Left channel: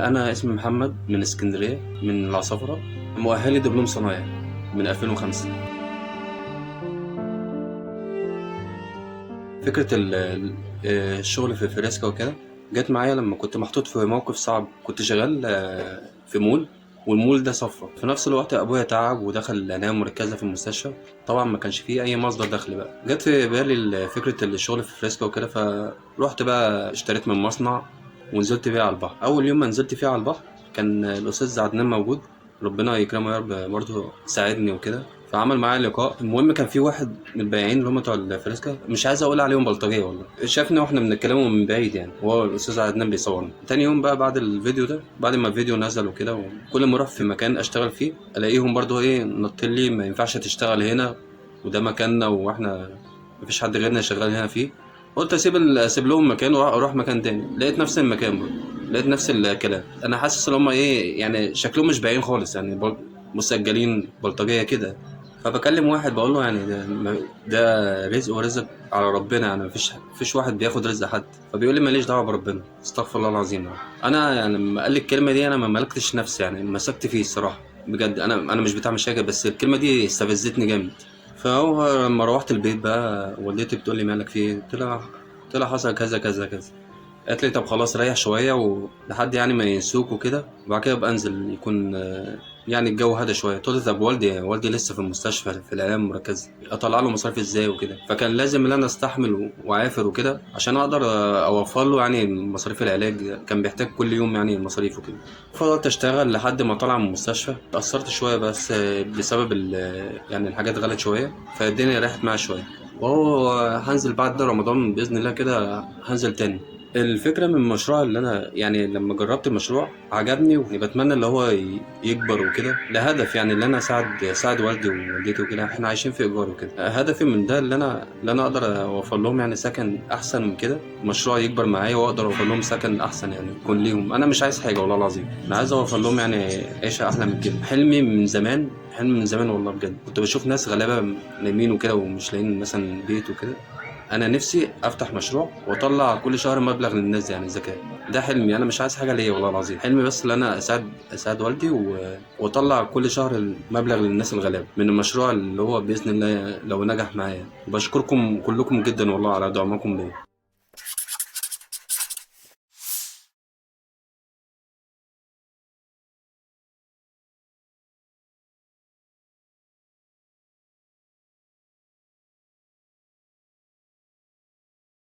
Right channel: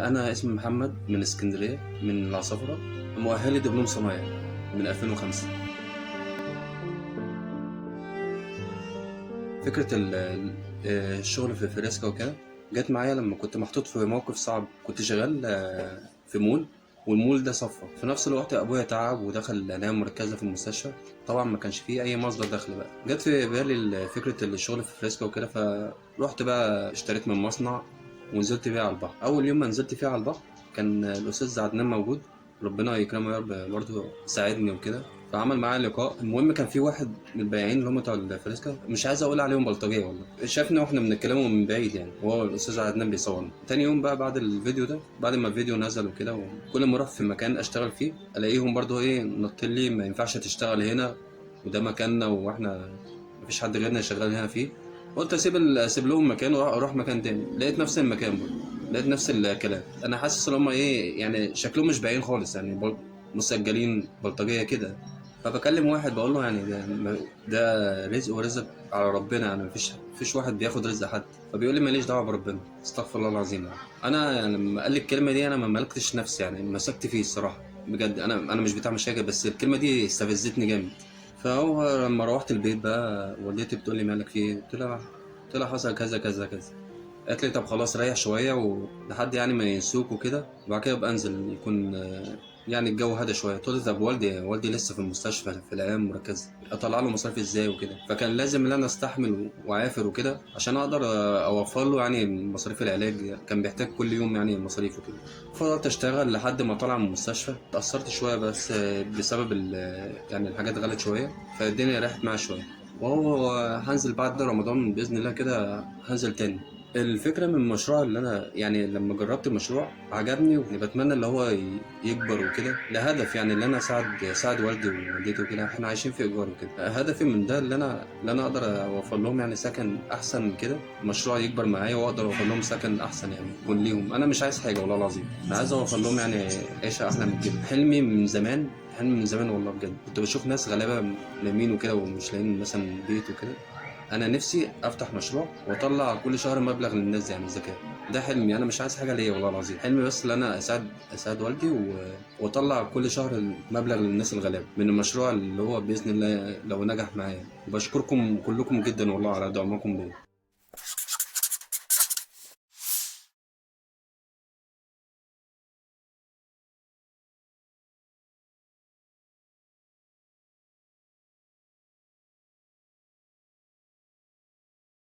أنا اسمي محمد من اسكندرية من العصافرة، مؤهلي دبلوم صنايع من 2005. فكرة الشغل في فريسكا وكده جت معايا لما كنت محطوط في موقف صعب. كنت شغال في مول، والمول ده صفى في نفس الوقت. أبويا تعب ودخل العناية المركزة في المستشفى. طبعا ما كانش فيه أي مصدر دخل. بقى جت في بالي فكرة الشغل في فريسكا وكده، فروحت بقى اشتريت من مصنع ونزلت بيه على البحر. أول يوم ما نزلت فيه على البحر كان الأستاذ عدنان موجود، ربنا يكرمه يا رب، برضه ساعدني وكده. فعمل معايا لقاء. المهم كان في واحد من البياعين اللي هم بتوع الفريسكا، مش عايز اقول عليهم بلطجيه والله، شافني واحنا بنتكلموا من بعيد يعني، وهو الاستاذ عدنان بيصورنا. تاني يوم بقى بعد الفيديو ده، بعد ما الفيديو نزل وكده، وكل ما اروح في مكان اشتغل فيه الاقيهم برضه نط لي ما ينفعش تشتغل هنا، وده مكاننا واحنا مفيش حد غيرنا شغال هنا فيه. قلت اسيب لهم مكان واروح مكان تاني. لقيت نفس المكان برضه، لقيت نفس الكلام. انا حاسس ان هم يعني شكلهم مش باين خالص يعني، مسجلين بلطجيه كده. فبكلم واحد بقول له يعني ده رزق ورزق على ربنا يعني، مفيش واحد بياخد رزق حد. فبيقول لي ماليش دعوه بربنا، استغفر الله العظيم يعني. انا يعني لما قال لي الكلمه دي انا ما ملكتش نفسي يعني، مسكت فيه الصراحه بجد. انا مش بتاع مشاكل، بس الكلمه دي استفزتني جامد. فهو لما روحت البيت بقى والدتي بتقول لي مالك في ايه؟ قلت لها حصل كذا كذا كذا. قالت لي طب خلاص ريح شويه ولحد يعني ما ينسوك وكده، وبعد كده ابقى انزل يكون يعني الجو هدى شويه. قلت له طب والدي لسه في المستشفى في العنايه المركزه، اطلع له مصاريف ازاي وكده؟ فكان لازم ان انا استحمل واعافر وكده عشان اقدر اوفر له يعني مصاريف العلاج. كان بيحتاج كل يوم يعني مصاريف وكده. فضلت اشتغل لحد ما طلع من المستشفى. اتأثرت شويه بس بسبب يعني الحاجات غلت شويه، فالدنيا راحت معايا شويه. وهو هنزل بعد رمضان بإذن الله كده، هنزل تاني. الفكرة من المشروع اللي أنا يعني لما جربت المشروع عجبني، وبتمنى اللي هو يكبر وكده لهدف يعني اللي أنا أساعد والدي ووالدتي وكده. إحنا عايشين في إيجار وكده. هدفي من ده اللي أنا أقدر أوفر لهم يعني سكن أحسن من كده. المشروع يكبر معايا وأقدر أوفر لهم سكن أحسن يعني يكون ليهم. أنا مش عايز حاجة والله العظيم، أنا عايز أوفر لهم يعني عيشة أحلى من كده. حلمي من زمان، حلم من زمان والله بجد. كنت بشوف ناس غلابة نايمين وكده ومش لاقيين مثلا بيت وكده. انا نفسي افتح مشروع واطلع كل شهر مبلغ للناس دي يعني زكاة. ده حلمي، انا مش عايز حاجه ليا والله العظيم. حلمي بس ان انا اساعد والدي واطلع كل شهر مبلغ للناس الغلابه من المشروع اللي هو باذن الله لو نجح معايا. بشكركم كلكم جدا والله على دعمكم ليا.